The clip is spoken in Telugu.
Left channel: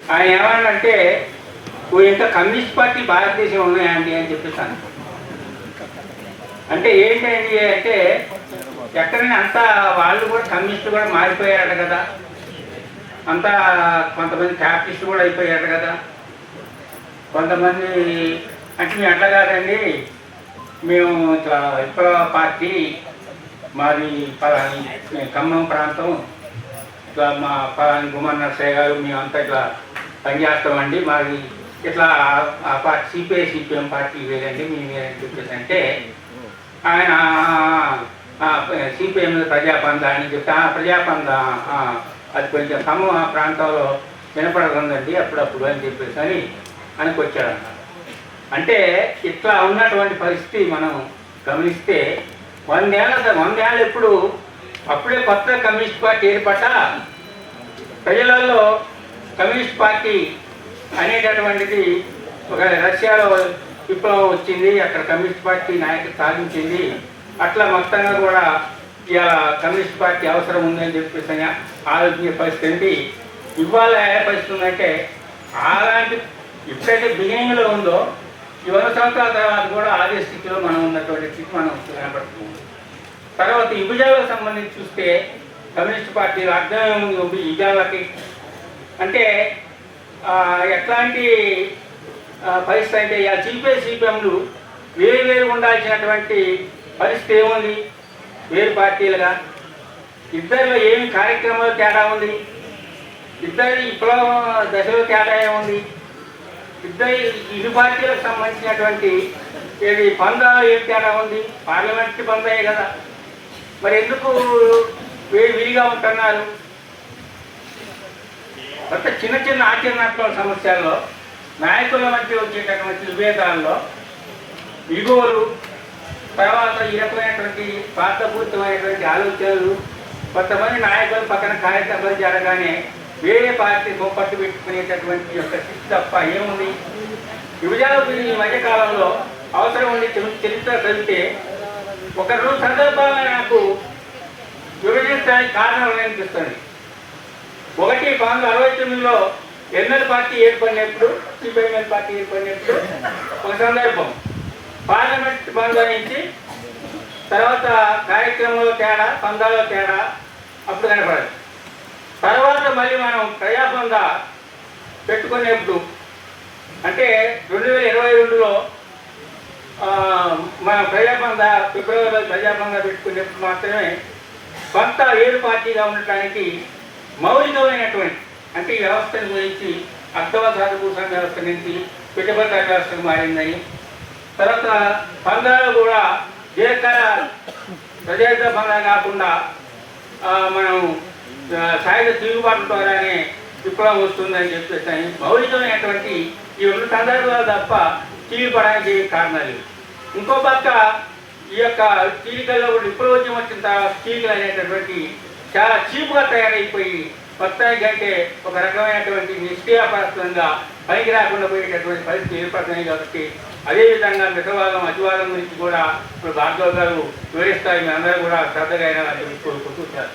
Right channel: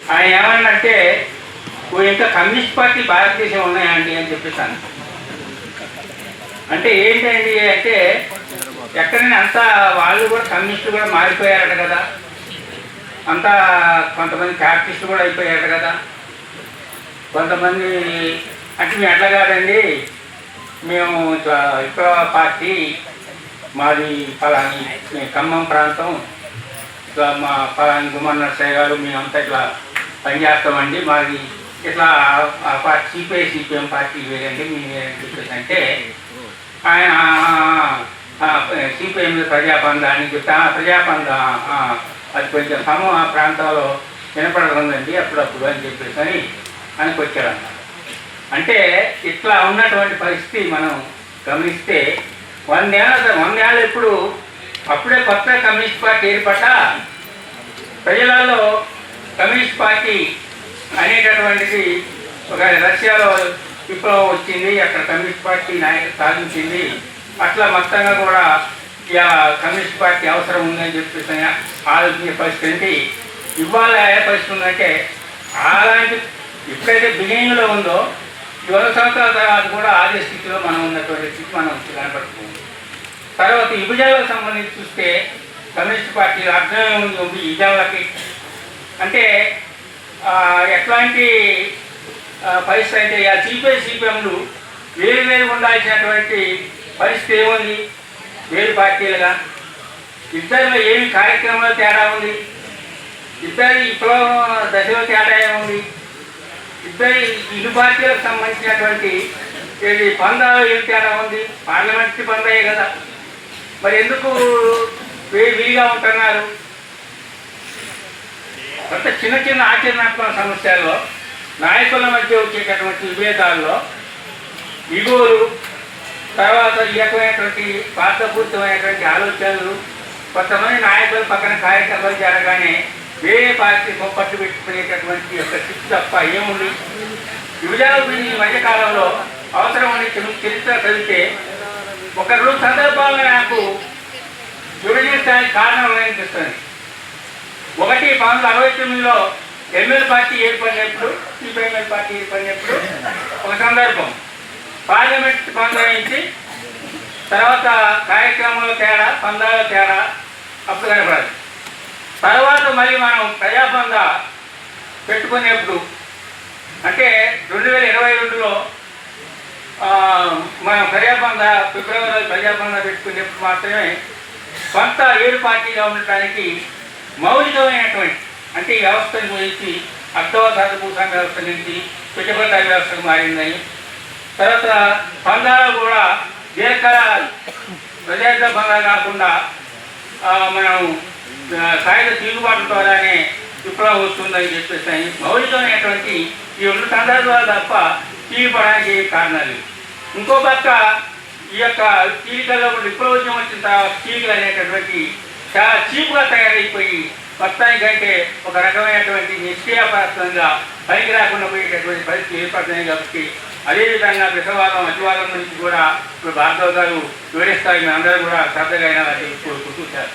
ఆయన ఏమన్నాడంటే "ఓ ఇంకా కమ్యూనిస్ట్ పార్టీ భారతదేశం ఉన్నాయండి అని చెప్పేసాను. అంటే ఏంటండి అంటే ఎక్కడైనా అంతా వాళ్ళు కూడా కమ్యూనిస్టులు కూడా మారిపోయారు కదా. అంతా కొంతమంది క్యాపిటలిస్టులు కూడా అయిపోయారు కదా. కొంతమంది అంటే మేము అట్లా కాదండి. మేము ఇట్లా పార్టీ మాది పలాని ఖమ్మం ప్రాంతం. ఇట్లా మా పలాని గుమ్మన్న నర్సయ్య గారు మేమంతా ఇట్లా పనిచేస్తామండి. మాది ఇట్లా ఆ- పార్టీ సిపిఐ సిపిఎం పార్టీ వేరండి. మేము వేరని చెప్పేసి అంటే ఆయన సిపిఎం ప్రజాపంద అని చెప్తే "ఆ, ఆ, అది కొంచెం ఖమ్మం ప్రాంతాల్లో వినపడుతుందండి అప్పుడప్పుడు అని చెప్పేసి అని అనుకొచ్చారన్నమాట. అంటే ఇట్లా ఉన్నటువంటి పరిస్థితి మనం గమనిస్తే వందేళ్ళ వందేళ్ళు ఇప్పుడు అప్పుడే కొత్త కమ్యూనిస్ట్ పార్టీ ఏర్పడ్డ? ప్రజలలో కమ్యూనిస్ట్ పార్టీ అనేటటువంటిది ఒక రష్యాలో విప్లవం వచ్చింది అక్కడ కమ్యూనిస్ట్ పార్టీ నాయకులు సాధించింది. అట్లా మొత్తంగా కూడా ఇలా కమ్యూనిస్ట్ పార్టీ అవసరం ఉందని చెప్పేసి ఆలోచించే పరిస్థితి ఇవాళ ఏ పరిస్థితి ఉందంటే అలాంటి ఎప్పుడైతే బిగినింగ్లో ఉందో ఇరవై సంవత్సరాల తర్వాత కూడా అదే స్థితిలో మనం ఉన్నటువంటి స్థితి మనం కనబడుతుంది తర్వాత విభజనలకు సంబంధించి చూస్తే కమ్యూనిస్ట్ పార్టీ అర్థం ఉంది విజయాలకి అంటే ఎట్లాంటి పరిస్థితి అంటే ఆ సిపిఐ సిపిఎంలు వేరు ఉండాల్సినటువంటి పరిస్థితి ఏముంది? వేరు పార్టీలుగా. ఇద్దరిలో ఏమి కార్యక్రమాలు తేడా ఉంది? ఇద్దరి విప్లవం దశలో తేడా ఏముంది? ఇద్దరి ఇరు పార్టీలకు సంబంధించినటువంటి పందాలు ఏం తేడా ఉంది? పార్లమెంట్కి పందాయే కదా. మరి ఎందుకు వే- విడిగా ఉంటున్నారు? అంటే చిన్న చిన్న ఆచరణాత్మక సమస్యల్లో నాయకుల మధ్య వచ్చేటటువంటి విభేదాల్లో ఇగువలు తర్వాత ఈ రకమైనటువంటి పాత్రపూరితమైనటువంటి ఆలోచనలు కొంతమంది నాయకులు పక్కన కార్యక్రమాలు జరగానే వేరే పార్టీ పట్టు పెట్టుకునేటటువంటి యొక్క స్థితి తప్ప ఏముంది? విభజన ఈ మధ్యకాలంలో అవసరం ఉండి చరిత్ర చదివితే ఒక రోజు సందర్భంగా నాకు విభజించడానికి కారణం అనిపిస్తుంది ఒకటి పంతొమ్మిది వందల అరవై తొమ్మిదిలో ఎంఎల్ పార్టీ ఏర్పడినప్పుడు సిపిఎంఎల్ పార్టీ ఏర్పడినప్పుడు ఒక సందర్భం. పార్లమెంట్ బంధాయించి తర్వాత కార్యక్రమంలో తేడా పందాల తేడా అప్పుడు కనపడదు. తర్వాత మళ్ళీ మనం ప్రజాబంధ పెట్టుకునేప్పుడు అంటే రెండు వేల ఇరవై రెండులో మనం ప్రజాబంధ ఫిబ్రవరిలో ప్రజాబంధ పెట్టుకునేప్పుడు మాత్రమే కొంత ఏడు పార్టీగా ఉండటానికి మౌలికమైనటువంటి అంటే ఈ వ్యవస్థను గురించి అర్థవధార భూసాంగ వ్యవస్థ నుంచి పెట్టుబడి వ్యవస్థకు మారిందని తర్వాత సంఘాలు కూడా దీర్ఘకాల ప్రజాయుత పందాలు కాకుండా మనం సాయుధ తిరుగుబాటు ద్వారానే విప్లవం వస్తుందని చెప్పేసి అని మౌలికమైనటువంటి ఈ రెండు సందర్భాలు తప్ప తీరిపడానికి కారణాలు ఇంకో పక్క ఈ యొక్క చీలికల్లో కూడా విప్లవోద్యమం వచ్చిన తర్వాత చీలికలు అనేటటువంటి చాలా చీప్గా తయారైపోయి వస్తాయి కంటే ఒక రకమైనటువంటి నిష్క్రియాపరత్వంగా పైకి రాకుండా పోయేటటువంటి పరిస్థితి ఏర్పడుతున్నాయి కాబట్టి అదేవిధంగా విషవాదం అతివాదం గురించి కూడా ఇప్పుడు భార్గవ్ గారు వివరిస్తాయి మీ అందరూ కూడా శ్రద్ధగా అయినా కోరుకుంటూ సార్